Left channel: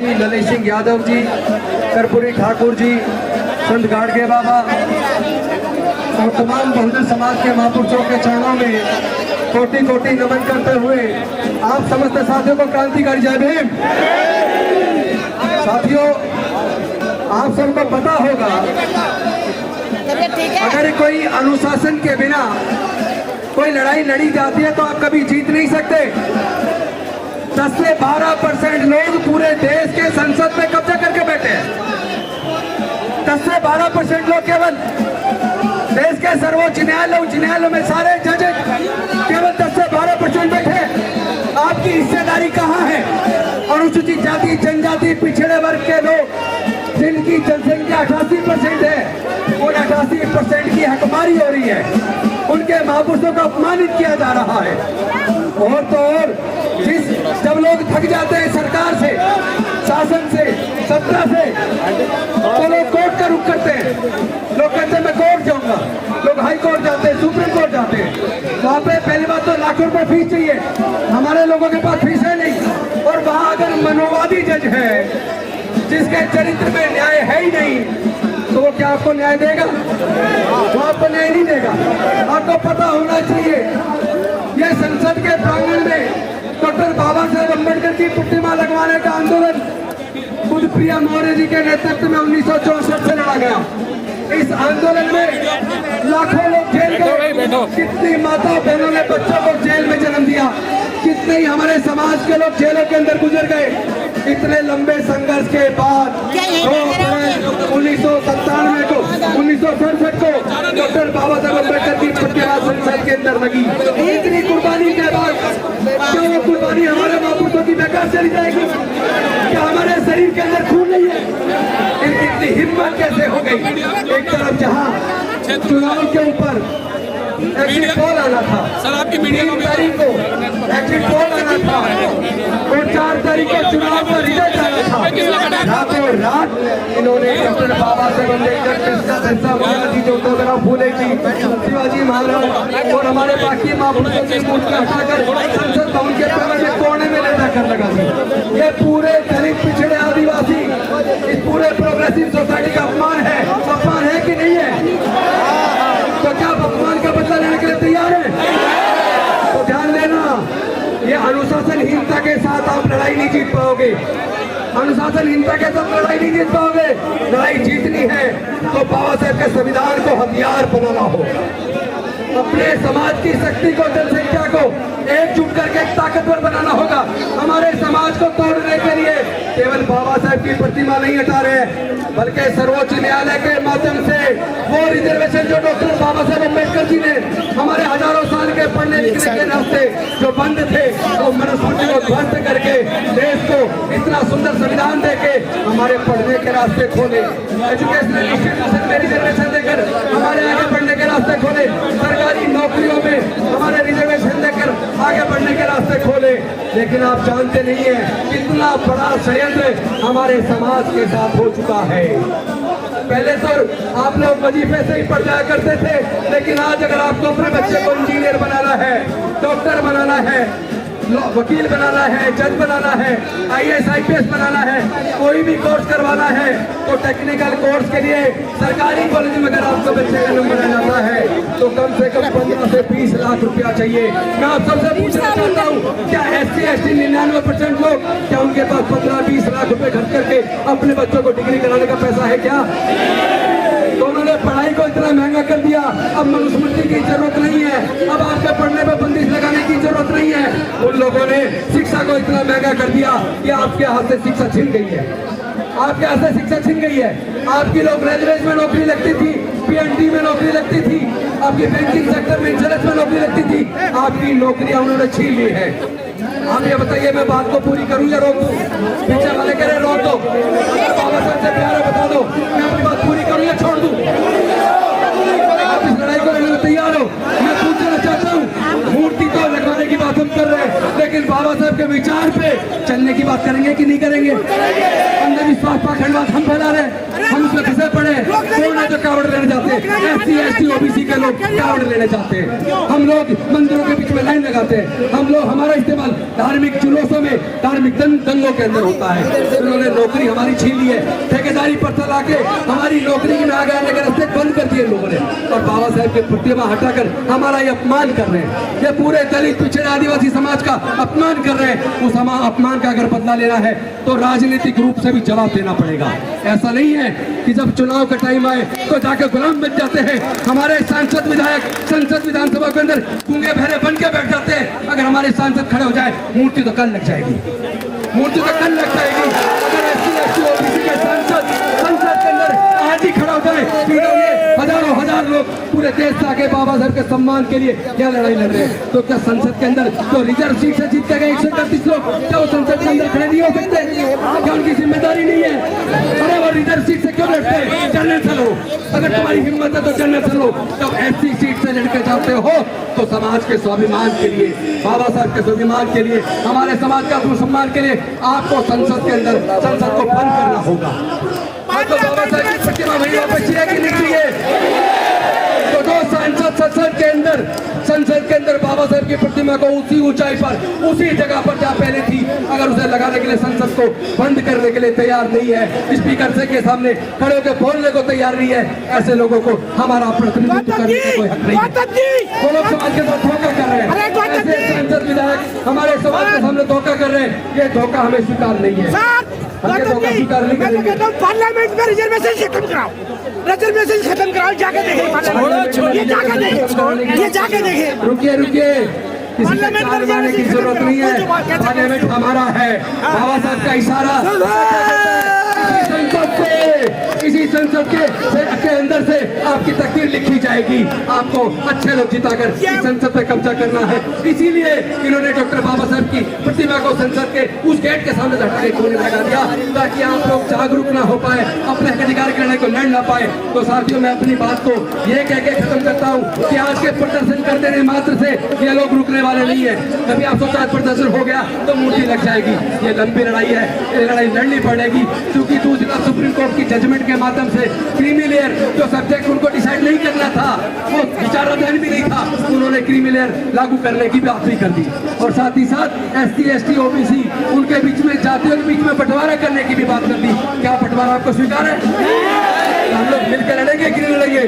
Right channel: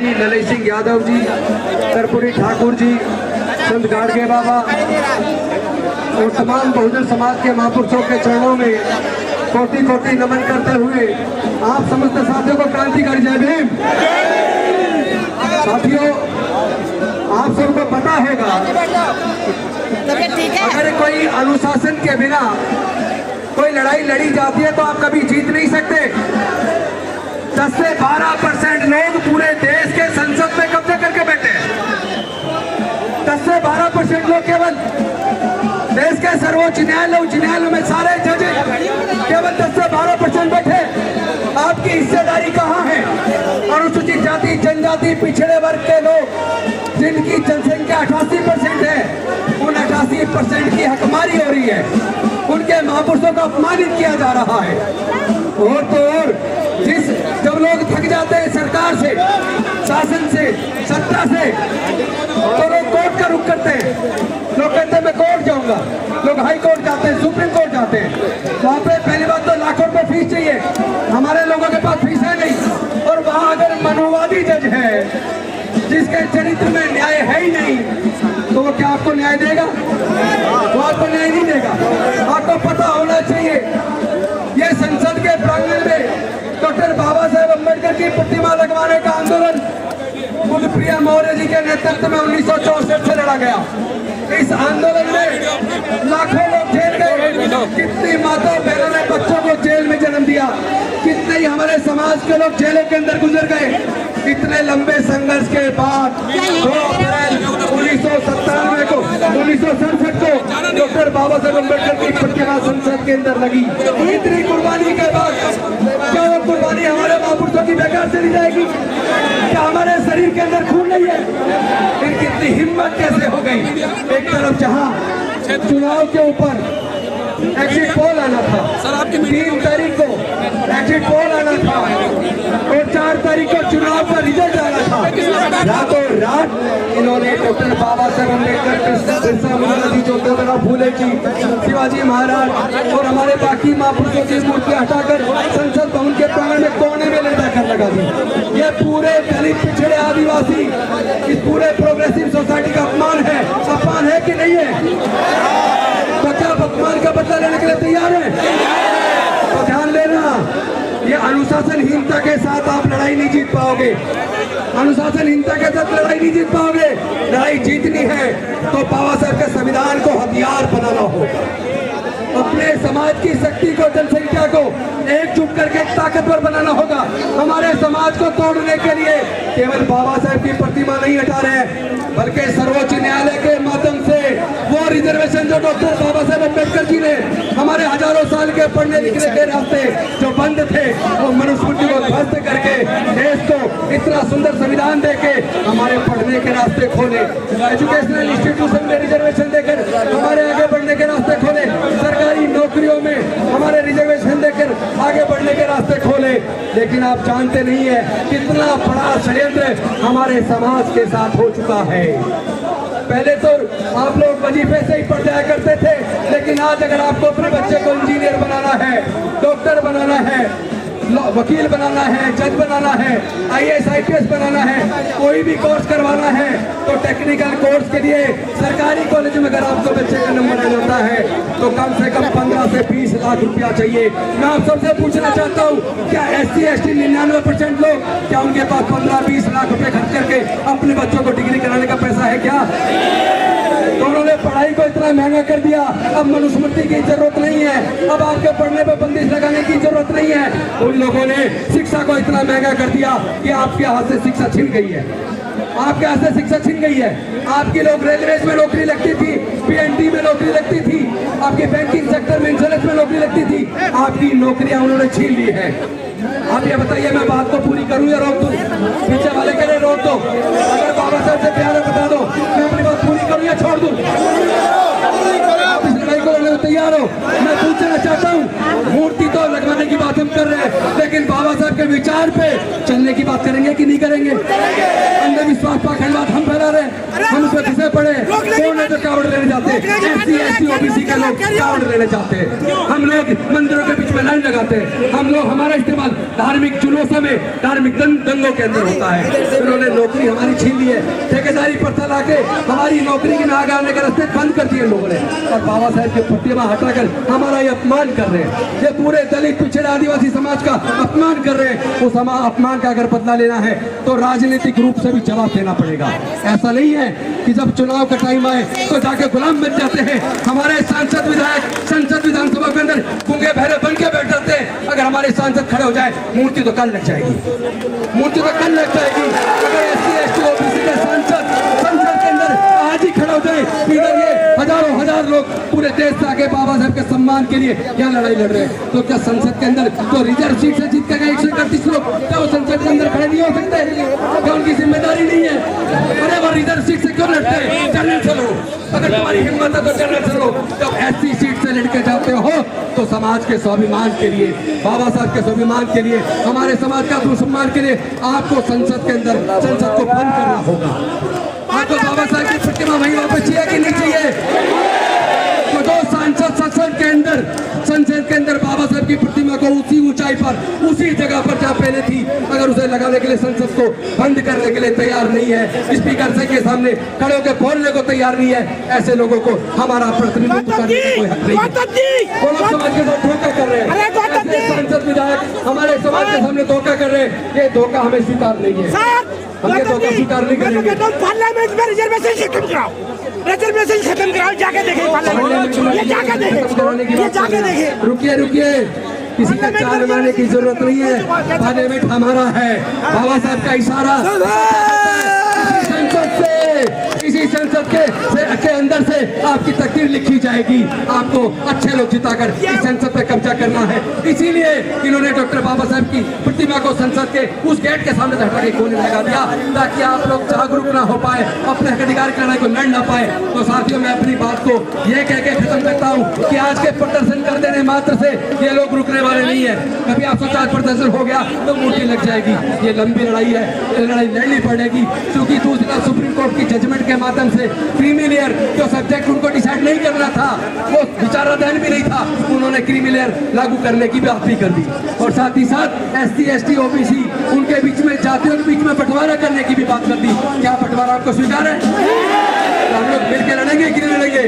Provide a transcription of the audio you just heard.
जी, ललित सिंह यादव जी, कर्पूरी ठाकुर जी, संत गाड़गे बाबा और तमाम बहुजन समाज के महापुरुषों के चरणों में कोटि कोटि नमन करते हुए आप समस्त साथियों को क्रांतिकारी जय भीम। साथियों, आप सबको पता होगा अगर कोई अनुशासन के बिना कोई लड़ाई लड़ी जाती है तो आप कभी जीत नहीं सकते। 10 से 12% लोग पूरे देश के संसद में कब्जा करके बैठे हैं। 10 से 12% लोग केवल देश के सर्वोच्च न्यायालयों में सारे जज केवल 10 से 12% बैठे। आपकी हिस्सेदारी कहाँ है? अनुसूचित जाति, जनजाति, पिछड़े वर्ग के लोग जिनकी जनसंख्या 88% है, उन 88% की हकमारी हो रही है, उनके महापुरुषों को अपमानित किया जा रहा है। और तो और जब लोग थक जाते हैं सरकार से, शासन से, सत्ता से, तो लोग कोर्ट का रुख करते हैं। लोग कहते हैं मैं कोर्ट जाऊंगा, लोग हाई कोर्ट जाते हैं, सुप्रीम कोर्ट जाते हैं। वहाँ पे पहली बात तो लाखों रुपए फीस चाहिए, हमारे लोगों के पास फीस है नहीं। और वहाँ अगर मनोवादी जज है जिसके चरित्र में न्याय है ही नहीं, तो वो क्या आपको न्याय देगा? वो आपको न्याय नहीं देगा। आपको पता होना चाहिए ये संसद के प्रांगण में डॉक्टर बाबा साहेब अम्बेडकर की प्रतिमा लगवाने का आंदोलन बुद्धप्रिया मौर्य जी के नेतृत्व में 1964 से लड़ा गया। इस आंदोलन में लाखों लोग जेल गए, कितनी माता बहनों ने बच्चों को जेल में जन्म दिया, कितने ही हमारे समाज के लोग जेलों के अंदर गुजर गए। इतने लंबे संघर्ष के बाद 2 अप्रैल 1997 को 1967 को डॉक्टर बाबा साहेब अम्बेडकर की प्रतिमा संसद के अंदर लगी। इतनी कुर्बानी के बाद क्या वो कुर्बानी हमारे महापुरुषों की बेकार चली जाएगी? क्या हमारे शरीर के अंदर खून नहीं है? इनकी इतनी हिम्मत कैसे हो गई? एक तरफ जहां चुनाव के ऊपर एग्जिट पोल आना था, सर आपकी मीडिया 3 तारीख को एग्जिट पोल आना था और 4 तारीख को चुनाव का रिजल्ट आना था। रातों रात इन्होंने डॉक्टर बाबा साहेब अम्बेडकर, कृष्णा बिरसा मुंडा जी, ज्योतिराव फूले जी, शिवाजी महाराज और हमारे बाकी महापुरुषों की मूर्ति हटाकर संसद भवन के प्रांगण में कोने में ले जाकर लगा दी। ये पूरे दलित, पिछड़े, आदिवासी, इस पूरे प्रोग्रेसिव सोसाइटी का अपमान है कि नहीं है? तो क्या आप अपमान का बदला लेने के लिए तैयार हैं? तो ध्यान देना, ये अनुशासनहीनता के साथ आप लड़ाई नहीं जीत पाओगे। अनुशासनहीनता के साथ लड़ाई नहीं जीत पाओगे। लड़ाई जीतनी है तो बाबा साहेब के संविधान को हथियार बनाना होगा। अपने समाज की शक्ति को, जनसंख्या को एकजुट करके ताकतवर बनाना होगा। हमारे समाज को तोड़ने के लिए केवल बाबा साहेब की प्रतिमा नहीं हटा रहे हैं, बल्कि सर्वोच्च न्यायालय के माध्यम से वो रिजर्वेशन जो डॉक्टर बाबा साहेब अम्बेडकर जी ने हमारे हजारों साल के पढ़ने लिखने के रास्ते जो बंद थे, वो मनुस्मृति को ध्वस्त करके देश को इतना सुंदर संविधान देके हमारे पढ़ने के रास्ते खोले, एजुकेशनल इंस्टीट्यूशन में रिजर्वेशन देकर हमारे आगे बढ़ने के रास्ते खोले, सरकारी नौकरियों में हमारे रिजर्वेशन देकर आगे बढ़ने के रास्ते खोले। लेकिन आप जानते नहीं है कितना बड़ा षड्यंत्र हमारे समाज के साथ हो चुका है। पहले तो आप लोग वजीफे से ही पढ़ जाया करते थे, लेकिन आज अगर आपको अपने बच्चे को इंजीनियर बनाना है, डॉक्टर बनाना है, वकील बनाना है, जज बनाना है, IAS IPS बनाना है, कोई भी कोर्स करवाना है, तो टेक्निकल कोर्स के लिए सरकारी कॉलेज में अगर आपका बच्चे का नंबर आ जाता है तो कम से कम 15 से 20 लाख रुपया चाहिए। मैं आप सबसे पूछना चाहता हूँ, क्या SC ST 99% लोग, क्या उनके पास 15-20 लाख रुपए खर्च करके अपने बच्चों को डिग्री कराने का पैसा है क्या? तो उन्होंने पढ़ाई को इतना महंगा कर दिया, अब मनुस्मृति की जरूरत नहीं है, अब आपके पढ़ने पे बंदिश लगाने की जरूरत नहीं है। उन लोगों ने शिक्षा को इतना महंगा कर दिया कि आपके हाथ से शिक्षा छिन गई है, आपके हाथ से शिक्षा छिन गई है। आपकी लोग रेलवेज में नौकरी लगती थी, PND में नौकरी लगती थी, आपके बैंकिंग सेक्टर में, इंश्योरेंस में नौकरी लगती थी, आपकी नौकरियां उन्होंने छीन ली है। आप ये बताइए, मैं बात को पूरी करूं या रोक दूं? पीछे वाले कह रहे रोक दो, अगर बाबा साहब से प्यार बता दो, मैं अपनी बात पूरी करूं या छोड़ दूं? आप इस लड़ाई को लड़ने में तैयार हो? मैं पूछना चाहता हूँ, मूर्ति तो लगवाने की बात हम कर रहे हैं, लेकिन बाबा साहब के विचार पे चलने की बात करेंगे कि नहीं करेंगे? अंधविश्वास पाखंडात हम फैला रहे, हम उसमें फंसे पड़े, तो कावड़ लेने जाते, SC ST OBC के लोग कावड़ लेने जाते हैं, हम लोग मंदिरों के बीच में लाइन लगाते हैं, हम लोग, हमारा इस्तेमाल धार्मिक जुलूसों में, धार्मिक दंगों के अंदर होता है। उन्होंने नौकरी हमारी छीन ली है, ठेकेदारी पर चला के हमारी नौकरी के आगे आने का रास्ते बंद कर दिए लोगों ने, और बाबा साहेब की प्रतिमा हटाकर हमारा ये अपमान कर रहे हैं। ये पूरे दलित पिछड़े आदिवासी समाज का अपमान कर रहे हैं। उस अपमान का अगर बदला लेना है तो राजनीतिक रूप से भी जवाब देना पड़ेगा। ऐसा नहीं है कि जब चुनाव का टाइम आए तो जाके गुलाम बन जाते हैं। हमारे सांसद विधायक संसद विधानसभा के अंदर गूंगे बहरे बन के बैठ जाते हैं। अगर हमारे सांसद खड़े हो जाए मूर्ति तो कल लग जाएगी, मूर्ति तो कल लग जाएगी। अगर SC/ST OBC के सांसद संसद के अंदर आज ही खड़े हो जाए तो ये हजारों हजार लोग पूरे देश से आगे बाबा साहब के सम्मान के लिए क्या लड़ाई लड़ रहे हैं। तो क्या संसद के अंदर तो रिजर्व सीट से जीत कर 131 लोग क्या वो संसद के अंदर खड़े नहीं हो सकते? क्या उनकी जिम्मेदारी नहीं है? अरे वो रिजर्व सीट से क्यों लड़ते हैं? जनरल से लो, अगर तुम्हारी हिम्मत है तो जनरल से लो। जब SC सीट से लड़के जाते हो तो समाज के स्वाभिमान के लिए, बाबा साहब के स्वाभिमान के लिए, हमारे समाज का सम्मान के लिए आपको संसद के अंदर संसद को बंद करना होगा। आपको बाबा साहब की प्रतिमा वहीं वापस चाहिए कि नहीं चाहिए? तो जो सांसद संसद के अंदर बाबा साहब की प्रतिमा को उसी ऊंचाई पर उसी जगह पर जहाँ पहले थी, अगर उसे लगाने के लिए संसद को बंद करने के लिए तैयार नहीं है, स्पीकर से के सामने खड़े होकर बोलने को तैयार नहीं है, ऐसे लोगों को हमारा प्रतिनिधित्व करने का कोई हक नहीं है। वो लोग समाज के साथ धोखा कर रहे हैं। ऐसे संसद विधायक हमारे समाज के सामने धोखा कर रहे हैं। ये धोखा हमें स्वीकार नहीं है। पार्लियामेंट में रिजर्वेशन खत्म कराओ, रिजर्वेशन खत्म कराओ, जाके देखिए पार्लियामेंट, ये जाके देखिए, ये जाके देखिए। रुकिए, किसी का चाल बनाने की जरूरत नहीं है। पार्लियामेंट हमारा है। बाबा साहब का इशारा इसी संसद के अंदर से आपकी तकदीर लिखी जाएगी। आपको अच्छे लोग जिताकर इस संसद पे कब्जा करना है। इसीलिए इन्होंने डॉक्टर बाबा साहब की प्रतिमा को संसद के उस गेट के सामने हटा के कोने लगा दिया, ताकि आप लोग जागरूक ना हो पाए, अपने हक अधिकार की लड़ाई को लड़ ना पाए। तो साथियों, मैं अपनी बात को ये कह के खत्म करता हूँ कि आज के प्रदर्शन कर देने मात्र से ये लोग रुकने वाले नहीं है। कभी आप सोचा प्रदर्शन हो गया तो मूर्ति लग जाएगी। ये लंबी लड़ाई है, ये लड़ाई लड़नी पड़ेगी, क्योंकि दूसरा सुप्रीम कोर्ट की जजमेंट के माध्यम से क्रीमी लेयर जो सब्जेक्ट उनको डिसाइड नहीं करना था, वो विचाराधीन भी नहीं था, उन्होंने क्रीमी लेयर लागू करने की बात भी कर दी। और साथ ही साथ SC/ST OBC उनके बीच में जातियों के बीच में बंटवारा करने की भी बात कर दी। क्या बंटवारा आपको स्वीकार है? हम लोग मिलकर लड़ेंगे कि नहीं लड़ेंगे?